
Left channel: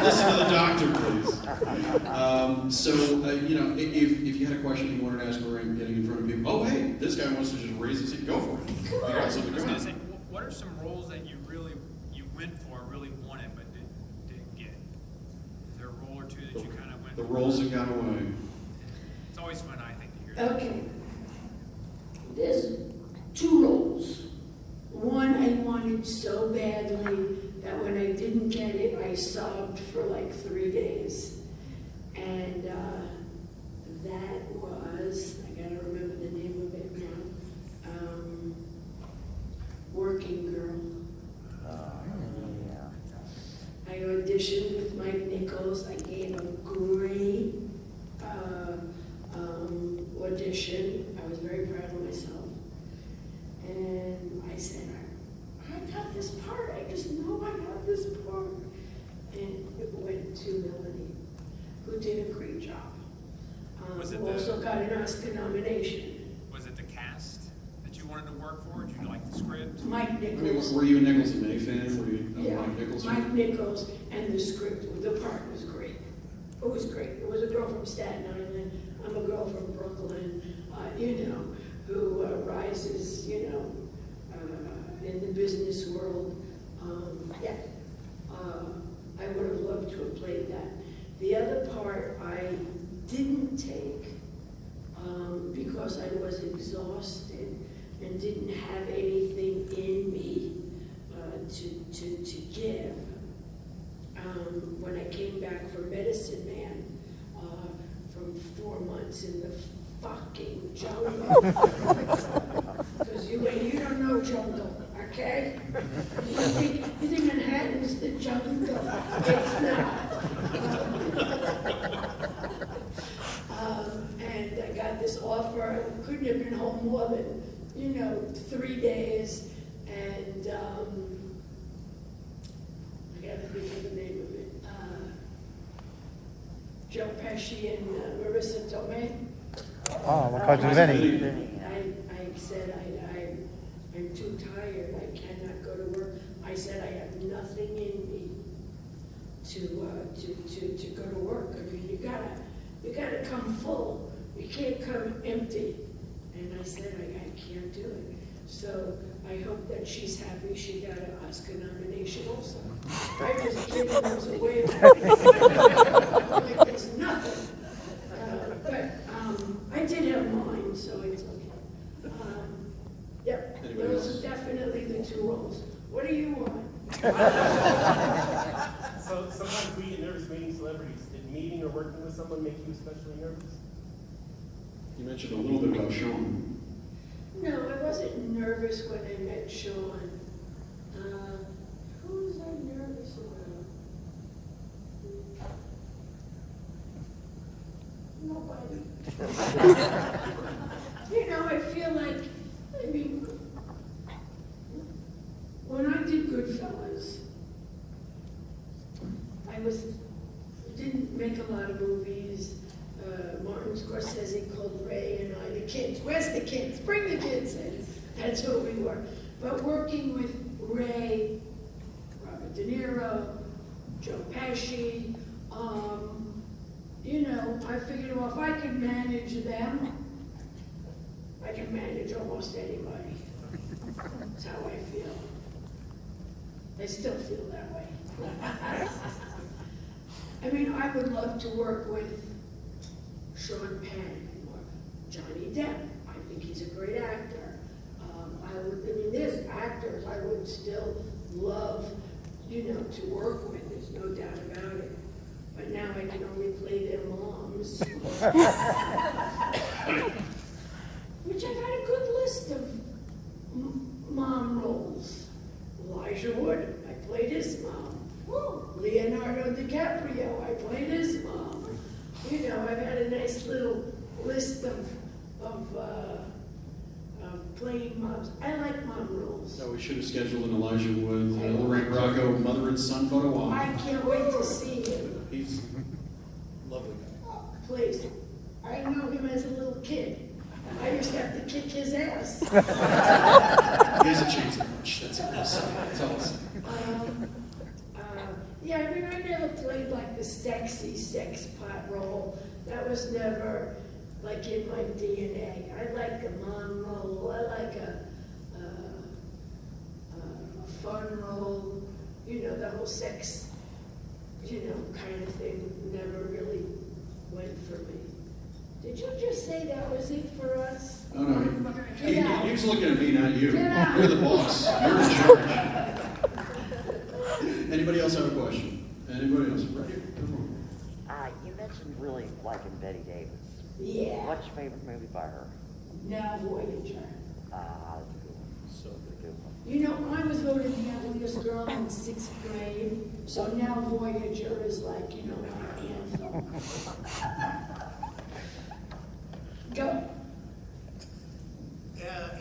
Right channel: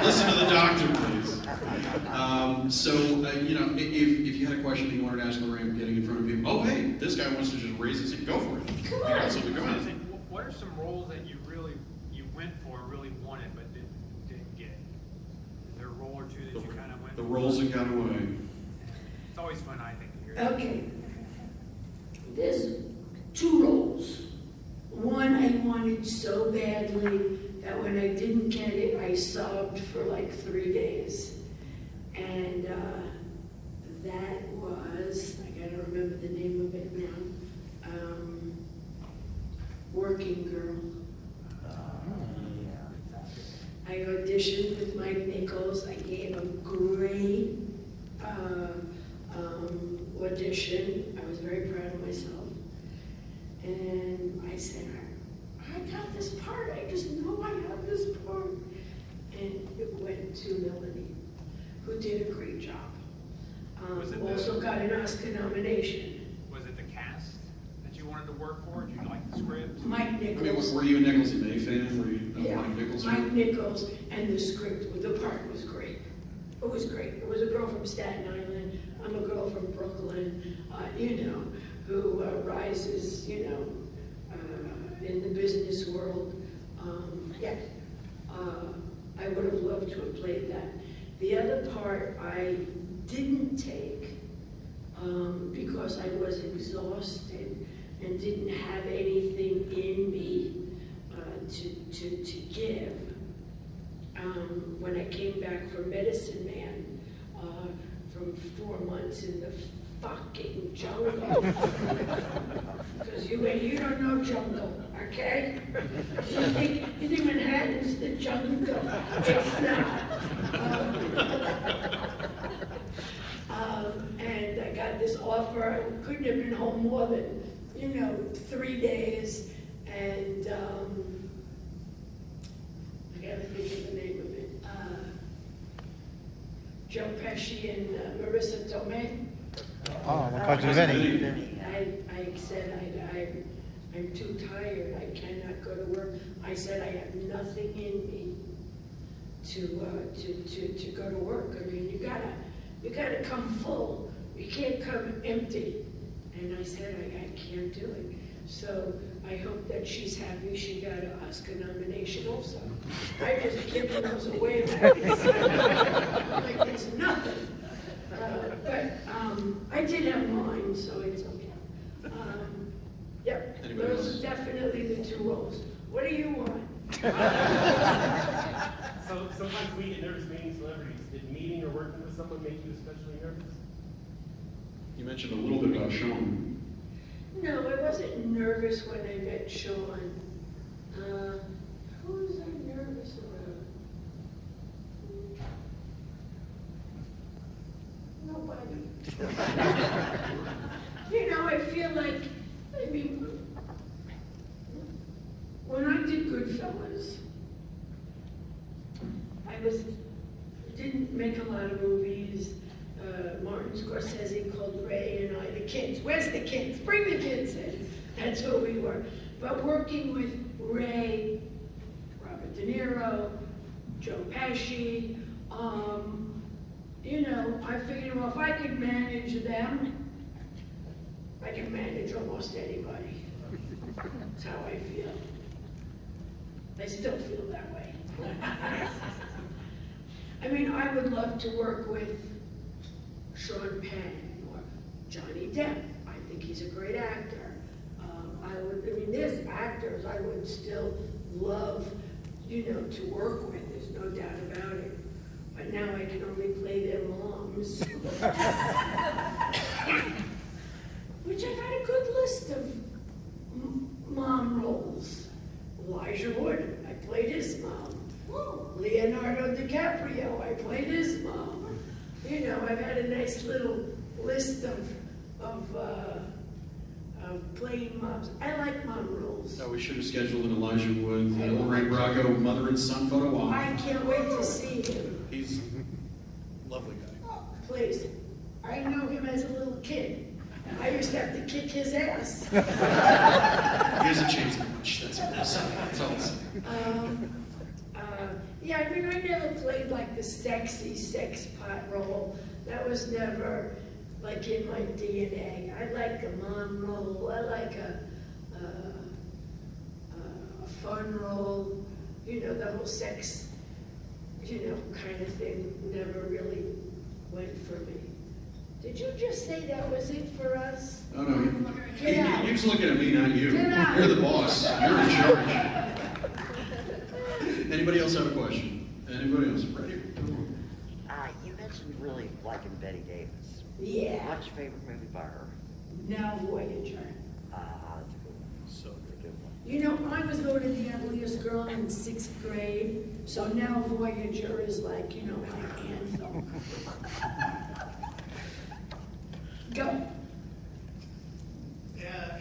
Listen to the doctor, please. You know, if you had a question that you wanted to ask Lorraine, getting in front of people, oh, hey, this guy wants to just raise his hand, go for it. Come You got on. something, I was come gonna say, on. what are some roles that you went for, really wanted, but didn't get? Is there a role or two that you kind of went The for? roles that got away. It's always fun, I think, to hear that. Okay. There's 2 roles. One I wanted so badly that when I didn't get it, I sobbed for like 3 days. And that was, I gotta remember the name of it now, Working Girl. I auditioned with Mike Nichols. I gave a great audition. I was very proud of myself. And I said, I got this part. I just know I have this part. And it went to Melanie, who did a great job. Was it Also got an Oscar nomination. Was it the cast that you wanted to work for? Did you like the script? Mike I mean, Nichols. were you a Nichols and May fan? Were you a Yeah, Mike Nichols Mike fan? Nichols, and the script, the part was great. It was great. It was a girl from Staten Island. I'm a girl from Brooklyn, you know, who rises, you know, in the business world. I would have loved to have played that. The other part I didn't take because I was exhausted and didn't have anything in me to give. When I came back from Medicine Man, from 4 months in the fucking jungle. Because you don't know jungle, okay? You think Manhattan's the jungle? It's not. And I got this offer. I couldn't have been home more than, 3 days. And I gotta think of the name of it. Joe Pesci and Marissa Tomei. Oh, the Bugs of Vinny. I said, I'm too tired, I cannot go to work. I said, I have nothing in me to go to work. I mean, you gotta come full. You can't come empty. And I said, I can't do it. So I hope that she's happy she got an Oscar nomination also. I just giving those away like it's nothing. But I did have mine, so it's okay. Yep, Anybody those else? are definitely the 2 roles. What do you want? So sometimes we get nervous meeting celebrities. Did meeting or working with someone make you especially nervous? You mentioned a little bit about Sean. No, I wasn't nervous when I met Sean. Who was I nervous about? Nobody. I feel like, when I did Goodfellas, didn't make a lot of movies. Martin Scorsese called Ray and I, the kids, where's the kids? Bring the kids in. That's what we were. But working with Ray, Robert De Niro, Joe Pesci, you know, I figured, well, if I could manage them, I can manage almost anybody. That's how I feel. I still feel that way. I mean, I would love to work with Sean Penn or Johnny Depp. I think he's a great actor. I mean, there's actors I would still love, you know, to work with. There's no doubt about it. But now I can only play their moms. Which I've had a good list of mom roles. Elijah Wood, I played his mom. Leonardo DiCaprio, I played his mom. You know, I've had a nice little list of playing moms. I like mom roles. So we should have scheduled an Elijah Wood, Lorraine Bracco, mother and son photo op. I can't wait to see him. He's a lovely guy. Please. I know him as a little kid. I used to have to kick his ass. He hasn't changed that much. That's all I'll say. Yeah, I mean, I never played like the sexy sex pot role. That was never like in my DNA. I like a mom role. I like a fun role. You know, the whole sex, you know, kind of thing never really went for me. Did you just say that was it for us? Oh, no, Get out. he was looking at me, not you. Get out. You're the boss. You're in charge. Anybody else have a question? Anybody else? Right here. Come on. You mentioned really liking Betty Davis. Yeah. What's your favorite movie by her? Now Voyager. That's a good one. So good one. You know, I was voted the ugliest girl in 6th grade, so now Voyager is like, you know, my anthem. Go.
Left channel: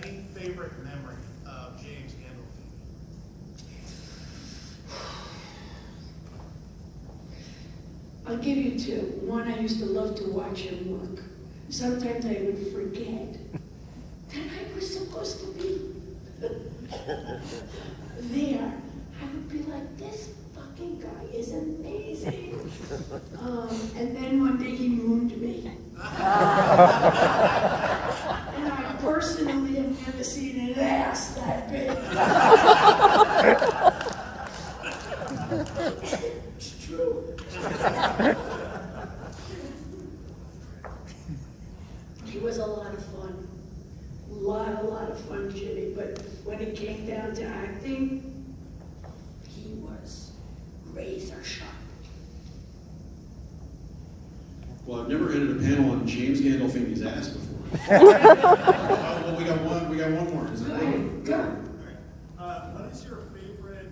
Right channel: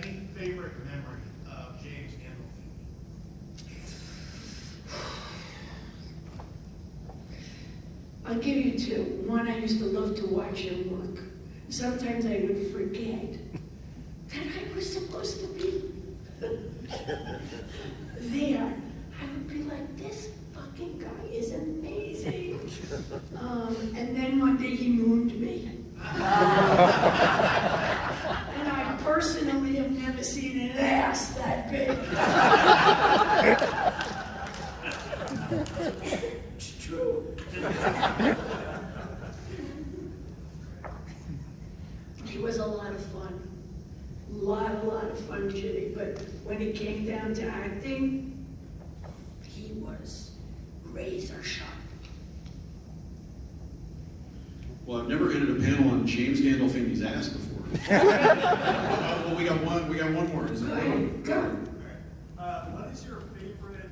Any favorite memory of James Gandolfini? I'll give you two. One, I used to love to watch him work. Sometimes I would forget that I was supposed to be there. I would be like, this fucking guy is amazing. And then one day he mooned me. And I personally have never seen an ass that big. It's true. He was a lot of fun. A lot of fun, Jimmy. But when it came down to acting, he was razor sharp. Well, I've never ended a panel on James Gandolfini's ass before. Well, we got one more. Is it Go ahead, go. What is your favorite,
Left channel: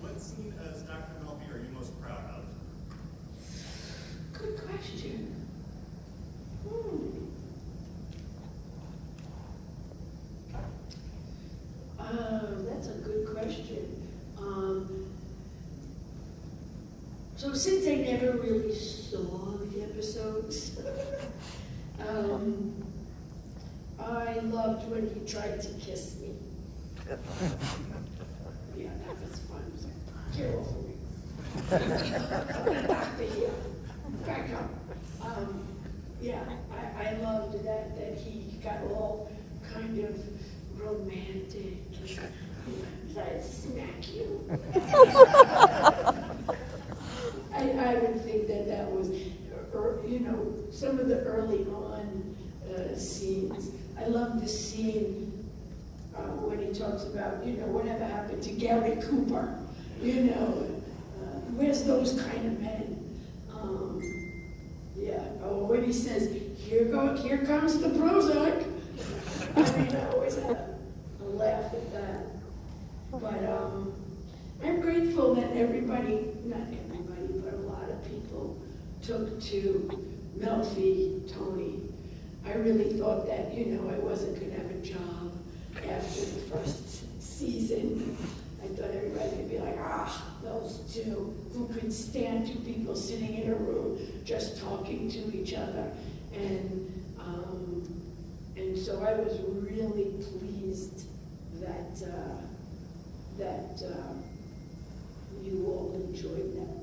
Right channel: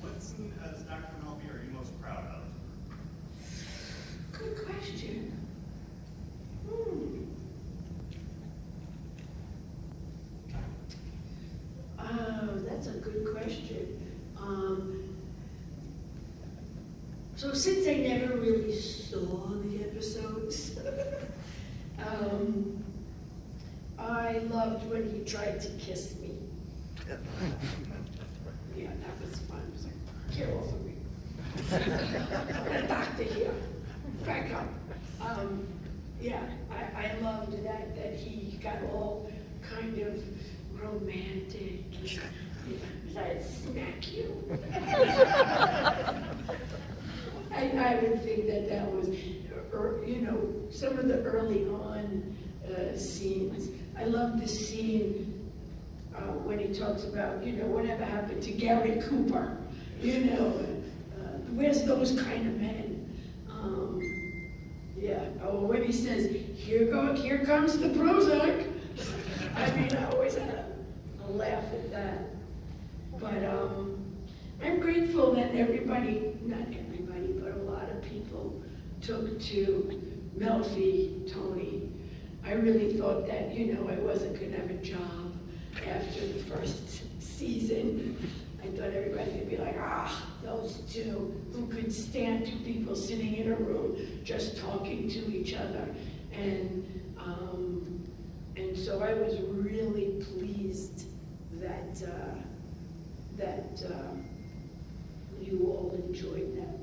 what scene as Dr. Melby are you most proud of? Good question. That's a good question. So since I never really saw the episodes, I loved when he tried to kiss me. Yeah, that was fun. It was like, get off of me. The doctor here, back up. Yeah, I loved that he got all kind of romantic. Yeah, I'd smack you. I would think that was, you know, some of the early on scenes. I love the scene when he talks about, you know, whatever happened to Gary Cooper, you know, where's those kind of men? Yeah, when he says, here comes the Prozac. I mean, I always had a laugh at that. But I'm grateful that everybody, not everybody, but a lot of people took to Melfi, Tony. I really thought that, you know, I wasn't gonna have a job after the first season. I thought everybody would be like, those two, who could stand two people sitting in a room just talking to each other. And And so I was really pleased that, you all enjoyed that.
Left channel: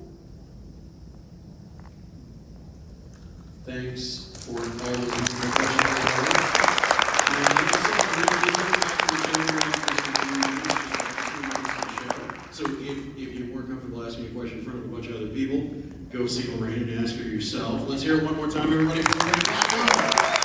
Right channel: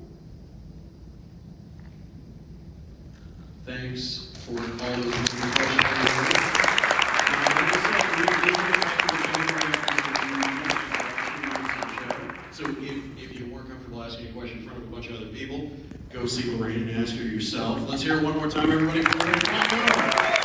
Thanks for all those wonderful questions. So if you weren't comfortable asking a question in front of a bunch of other people, go see Lorraine and ask her yourself. Let's hear it one more time, everybody, for Lorraine Bracco.